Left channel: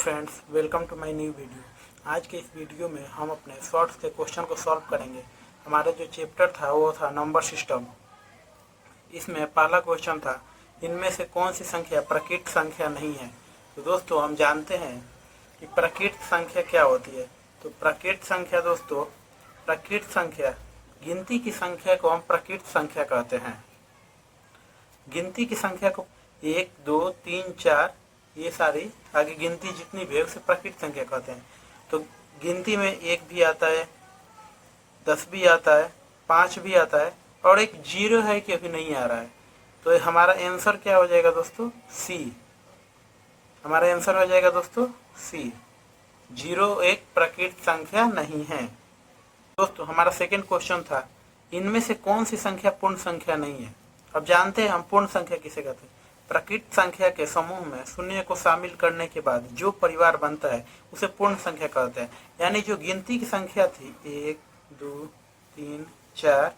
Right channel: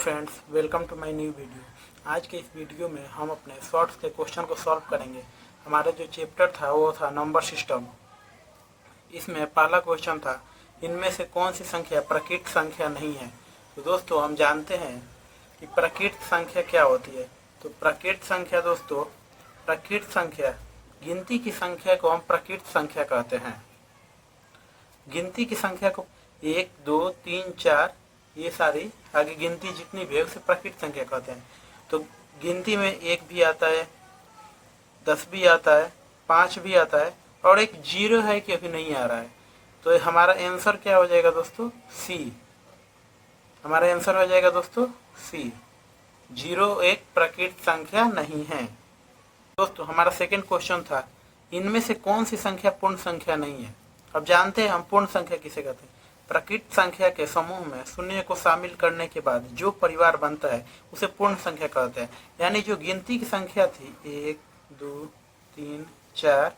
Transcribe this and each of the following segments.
Friends, welcome to my new video. आज के इस वीडियो में हम अपने शॉर्ट्स के क्वेश्चन को सॉल्व करेंगे। हमारा जो चैप्टर था वो था नंबर सिस्टम। इसमें पहला क्वेश्चन था, इनमें से कौन सी संख्या प्रकृत संख्या नहीं है। तो दोस्तों हम जानते हैं कि प्रकृत संख्या क्या होती है। तो प्रकृत संख्या दोस्तों, प्रकृत संख्या गिनती की संख्या को हम प्रकृत संख्या कहते हैं। गिनती की संख्या को 1, 2, 3, 4 ये सारी आगे गिनती जितनी भी है उसे प्रकृत संख्या कहते हैं। तो गिनती में 1 भी आता है, 10 भी आता है, 5 भी आता है और एक 0 है क्योंकि नहीं आ रहा है। तो हमारा आंसर क्या हो जाएगा दोस्तों? सी। हमारा आंसर हो जाएगा दोस्तों सी। 0 एक प्रकृत संख्या नहीं है। दोस्तों हमारा सेकंड क्वेश्चन था, इनमें से कौन सी संख्या पूर्ण संख्या नहीं है। अब जानते हैं हम पूर्ण संख्या किसे कहते हैं। प्रकृत संख्या के समूह में शून्य को शामिल करने के बाद जो परिवार बनता है उसे पूर्ण संख्या कहते हैं। यानी जो गिनती की संख्या थी 1, 2, 3, 4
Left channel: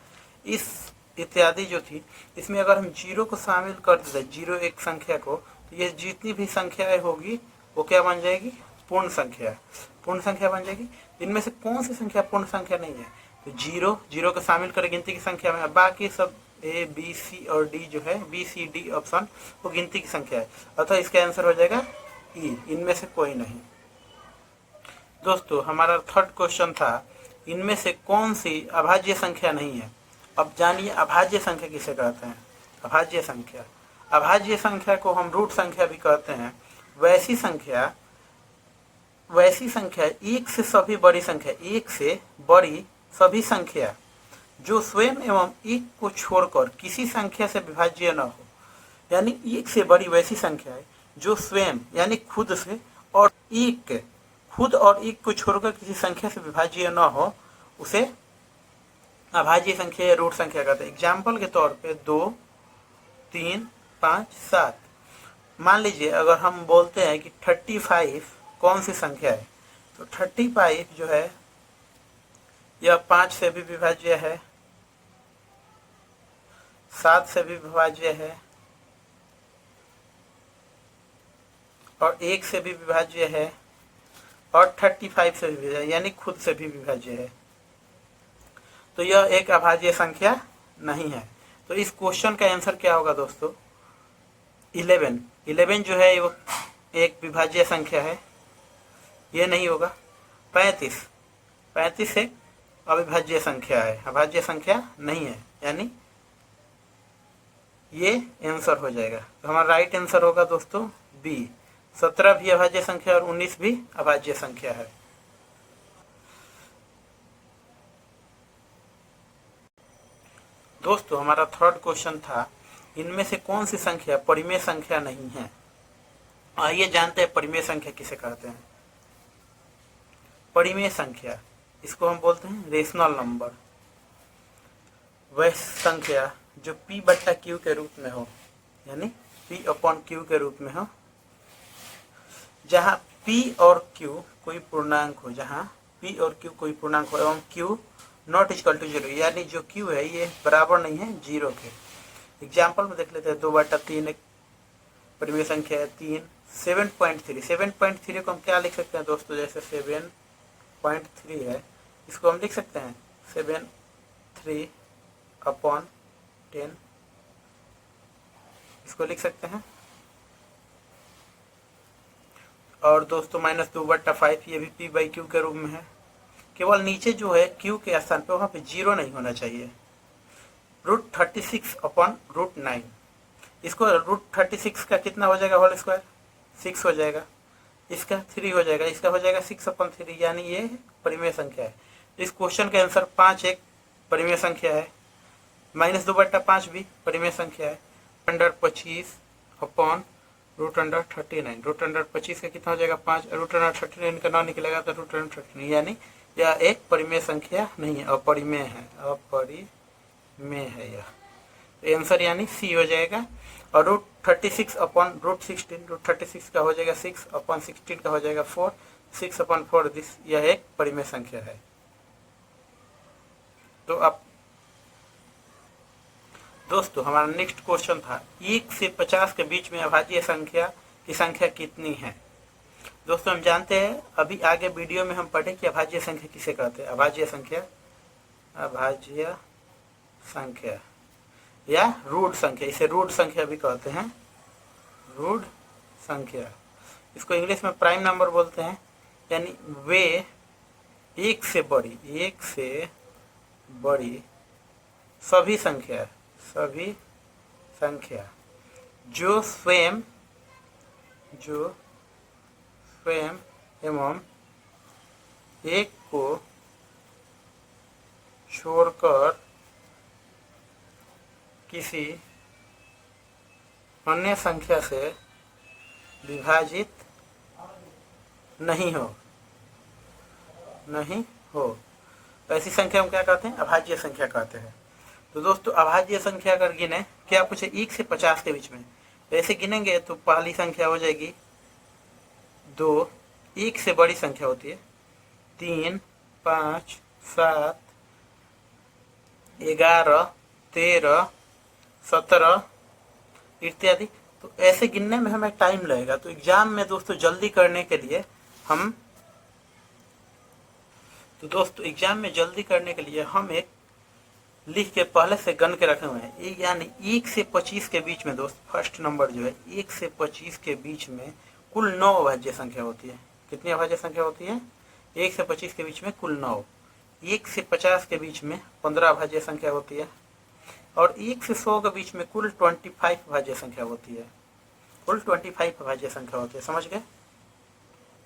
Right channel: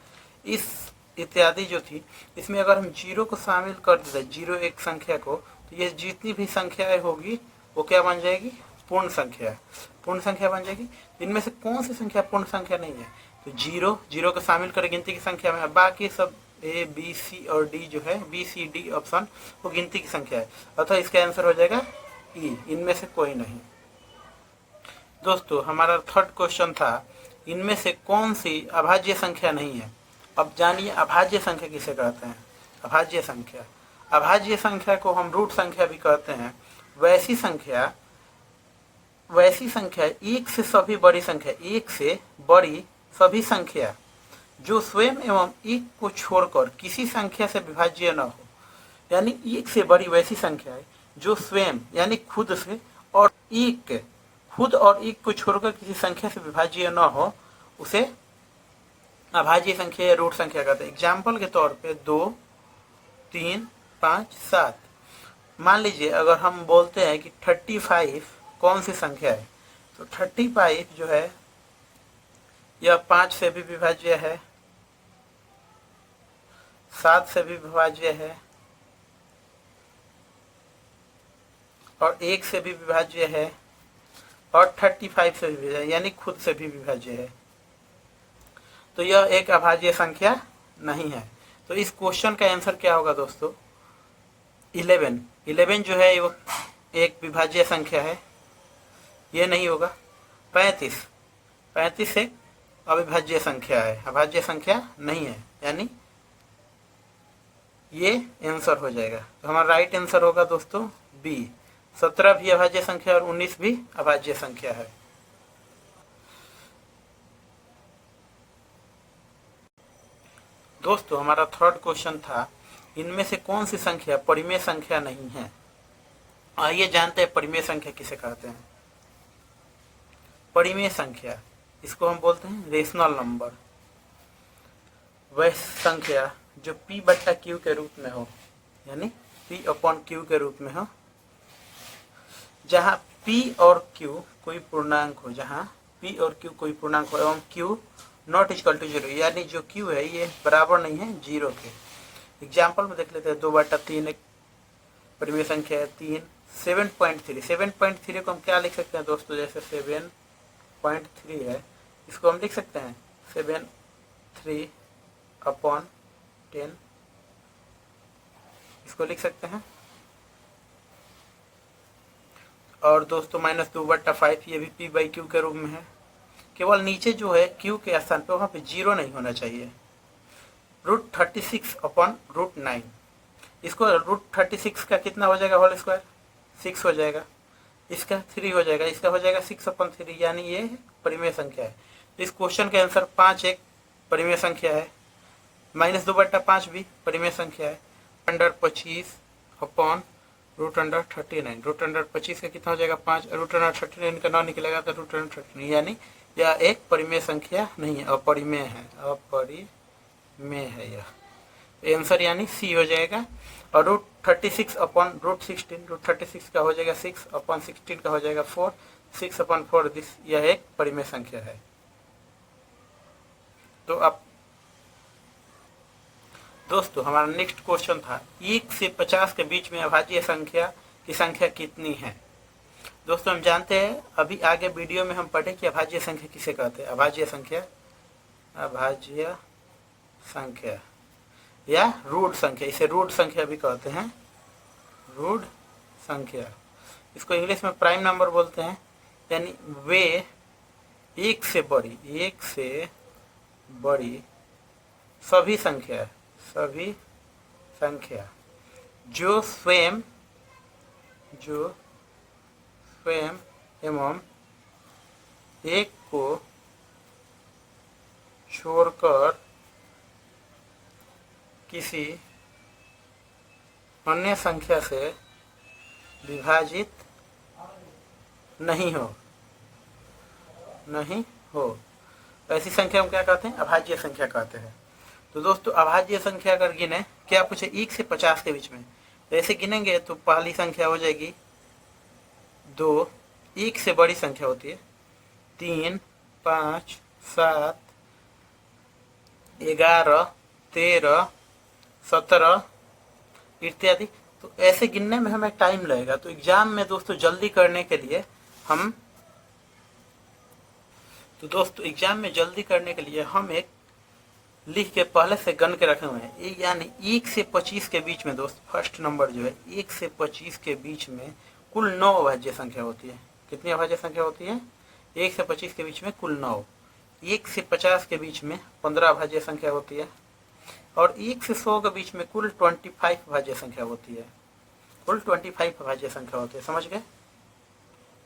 इस इत्यादि जो थी, इसमें अगर हम 0 को शामिल कर दें, 0 एक संख्या को, तो ये जितनी भी संख्याएं होगी वो क्या बन जाएगी? पूर्ण संख्या। पूर्ण संख्या बन जाएगी। इनमें से कौन सी संख्या पूर्ण संख्या नहीं है? तो 0 को शामिल करें गिनती की संख्या में, बाकी सब ए बी सी और डी जो है, बी सी डी ऑप्शन वो गिनती की संख्या है। अतः इसका आंसर हो जाएगा ई। इनमें से कोई नहीं। दोस्तों हमारा थर्ड क्वेश्चन था, इनमें से कौन सी अभाज्य संख्या नहीं है। अब जानिए अभाज्य संख्या किसे कहते हैं। अभाज्य संख्या, अभाज्य संख्या को हम रूट संख्या भी कहते हैं। वैसी संख्या एक से सभी बड़ी संख्या, एक से बड़ी सभी संख्या जो स्वयं एवं एक को छोड़कर किसी संख्या से विभाज्य न हो। यानी एक से बड़ी वैसी संख्या है जो स्वयं यानी खुद से और खुद और एक को छोड़कर किसी संख्या से विभाज्य न हो, उसे अभाज्य संख्या या रूट संख्या कहते हैं। एग्जाम्पल के तौर पे 2, 3, 5, 7। मान लीजिए अगर हम बोलते हैं कि 35 कौन सी संख्या है, तो 35 जो है यह 5 से भी विभाज्य है, 7 से भी विभाज्य है और 1 से भी विभाज्य है और 35 से भी विभाज्य है, यानी खुद से भी विभाज्य है। तो यह एक अभाज्य संख्या नहीं है। तो इस क्वेश्चन का आंसर क्या होगा दोस्तों? 11 जो है वो एक विभाज्य संख्या है, ये नहीं होगा। 35 एक अविभाज्य संख्या है, अभाज्य संख्या नहीं है, यानी ये आंसर हो जाएगा। तो हमारा राइट आंसर होगा दोस्तों बी। 17 भी अभाज्य संख्या और 19 भी अभाज्य संख्या है। दोस्तों हमारा थर्ड क्वेश्चन था, इनमें से कौन सी संख्या परिमेय संख्या नहीं है। आइए जानते हैं परिमेय संख्या किसे कहते हैं। परिमेय संख्या, इसको हम बोलते हैं रेशनल नंबर। वह संख्या जो P/Q के रूप में हो, यानी P/Q के रूप में हो, जहाँ P और Q कोई पूर्णांक हो, जहाँ P और Q कोई पूर्णांक हो एवं Q नॉट इक्वल टू 0, यानी जो Q है ये बराबर नहीं है 0 के। एग्जाम्पल में देख लेते हैं। 2/3 एक परिमेय संख्या है। 3, 7.3 को हम क्या लिख सकते हैं दोस्तों? जैसे 7.3 है, इसको हम लिख सकते हैं 7/3/10, इसको लिख सकते हैं। और दोस्तों -2/5 ये भी P/Q के रूप में है। केवल नीचे जो है Q के स्थान पे वहां पे 0 नहीं होना चाहिए। √36/√9, इसको √36 का कितना हो जाएगा होल स्क्वायर? 6 हो जाएगा। इसका 3 हो जाएगा, इसका हो जाएगा 6/3, यानी ये परिमेय संख्या है। इस क्वेश्चन का आंसर 5 एक परिमेय संख्या है। -2/5 भी परिमेय संख्या है। √25/√39, √25 का कितना हो जाएगा? 5। √39 का ना निकलेगा तो √39, यानी यह एक परिमेय संख्या नहीं है, अपरिमेय है। अपरिमेय है यह आंसर, यानी सी हो जाएगा। और √36/√16, √36 का हो जाएगा 6/16 का हो जाएगा 4, 6/4 यह एक परिमेय संख्या है। तो अब दोस्तों हमारा नेक्स्ट क्वेश्चन था, 1 से 50 के बीच में अभाज्य संख्या की संख्या कितनी है। दोस्तों दोस्तों हम जानते हैं, अभी आगे वीडियो में हम पढ़े कि अभाज्य संख्या किसे कहते हैं। अभाज्य संख्या या रूट संख्या, इसे रूट संख्या भी कहते हैं, रूट संख्या। इसको इंग्लिश में प्राइम नंबर बोलते हैं, यानी वे एक से बड़ी सभी संख्या जो स्वयं एवं एक को छोड़कर किसी अन्य संख्या से विभाजित नहीं हो ऐसी संख्या हम क्या कहते हैं? अभाज्य संख्या कहते हैं। तो दोस्तों अभाज्य संख्या अगर गिने, क्या पूछे? 1 से 50 के बीच में। ऐसे गिनेंगे तो पहली संख्या हो जाएगी 2, 1 से बड़ी संख्या होती है 3, 5, 7, 11, 13, 17 इत्यादि। तो ऐसे गिनने में हमें टाइम लगेगा। तो एग्जाम में दोस्तों जल्दी करने के लिए हम एक लिख के पहले से गन के रखे हुए हैं, यानी 1 से 25 के बीच में दोस्त फर्स्ट नंबर जो है 1 से 25 के बीच में कुल 9 अभाज्य संख्या होती है। कितनी अभाज्य संख्या होती है? 1 से 25 के बीच में कुल 9। 1 से 50 के बीच में 15 अभाज्य संख्या होती है और 1 से 100 के बीच में कुल 25 अभाज्य संख्या होती है। समझ गए?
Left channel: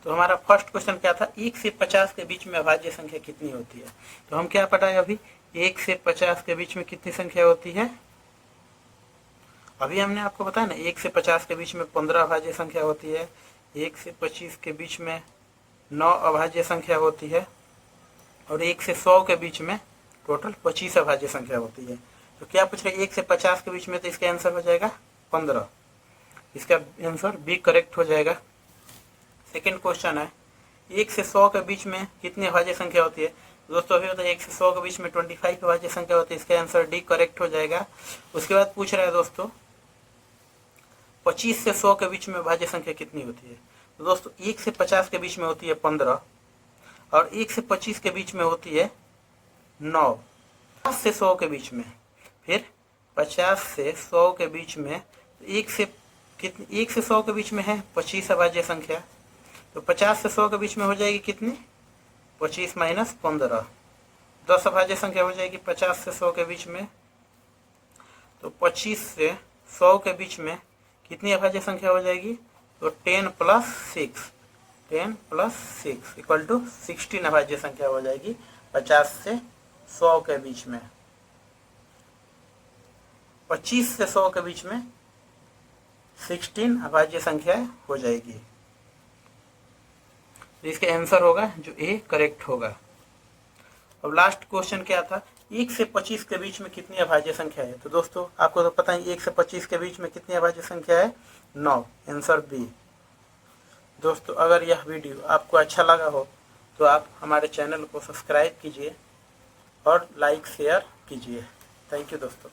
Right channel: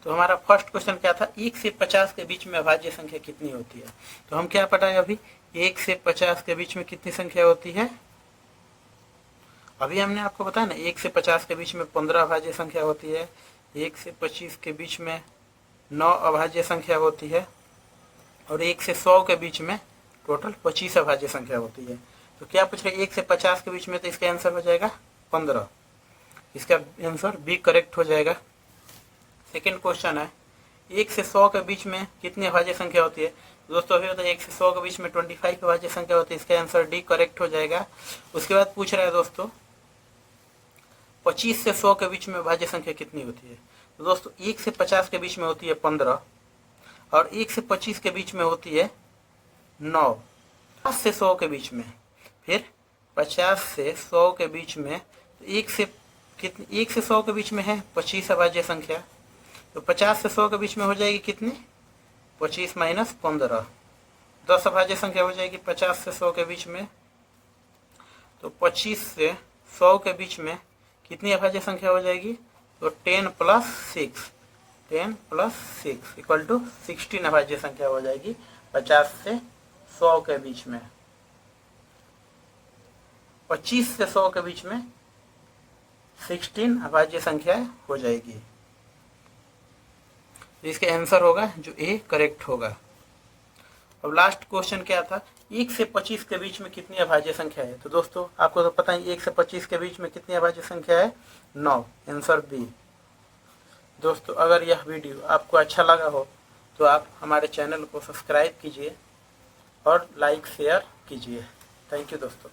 तो हमारा फर्स्ट क्वेश्चन क्या था? 1 से 50 के बीच में अभाज्य संख्या कितनी होती है? तो हम क्या पढ़ाए अभी? 1 से 50 के बीच में कितनी संख्या होती है? अभी हमने आपको बताया ना, 1 से 50 के बीच में 15 अभाज्य संख्या होती है, 1 से 25 के बीच में 9 अभाज्य संख्या होती है और 1 से 100 के बीच में टोटल 25 अभाज्य संख्या होती है। तो क्या पूछ रहे? 1 से 50 के बीच में, तो इसका आंसर हो जाएगा 15। इसका आंसर बी करेक्ट हो जाएगा। सेकेंड क्वेश्चन है, 1 से 100 के बीच में कितनी अभाज्य संख्या होती है? दोस्तों अभी बताया 1 से 100 के बीच में 25 अभाज्य संख्या होती है। इसका आंसर डी करेक्ट हो जाएगा। उसके बाद पूछ रहा है दोस्तों 25 से 100 के बीच में अभाज्य संख्या कितनी होती है? तो दोस्तों 1 से 50 के बीच में होती है 15 और 1 से 25 के बीच में होती है 9। 50 से 100 के बीच में, फिर 50 से 100 के बीच में 1 से 100 के बीच में है 25 अभाज्य संख्या। तो 50 से 100 के बीच में हो जाएगी कितनी? 25 माइनस 15, 10 अभाज्य संख्या हो जाएगी 50 से 100 के बीच में। तो 25 से 100 के बीच में कितनी अभाज्य संख्या हो जाएगी? तो 10 प्लस 6 इक्वल टू 16 अभाज्य संख्या हो जाएगी 50 से 100 के बीच में। 25 से 100 के बीच में 16 अभाज्य संख्या हो जाएगी। इसके आंसर होगा जो ए करेक्ट होगा। अब लास्ट क्वेश्चन क्या था? 1 से 25 के बीच में कितनी अभाज्य संख्या है? तो दोस्तों आपको तो पता है 1 से 25 के बीच में कितनी अभाज्य संख्या है? 9। Answer B. दोस्तों अगर यह वीडियो आपको अच्छा लगा हो तो आप हमारे चैनल को सब्सक्राइब कीजिए और लाइक शेयर कीजिए। थैंक यू दोस्तों।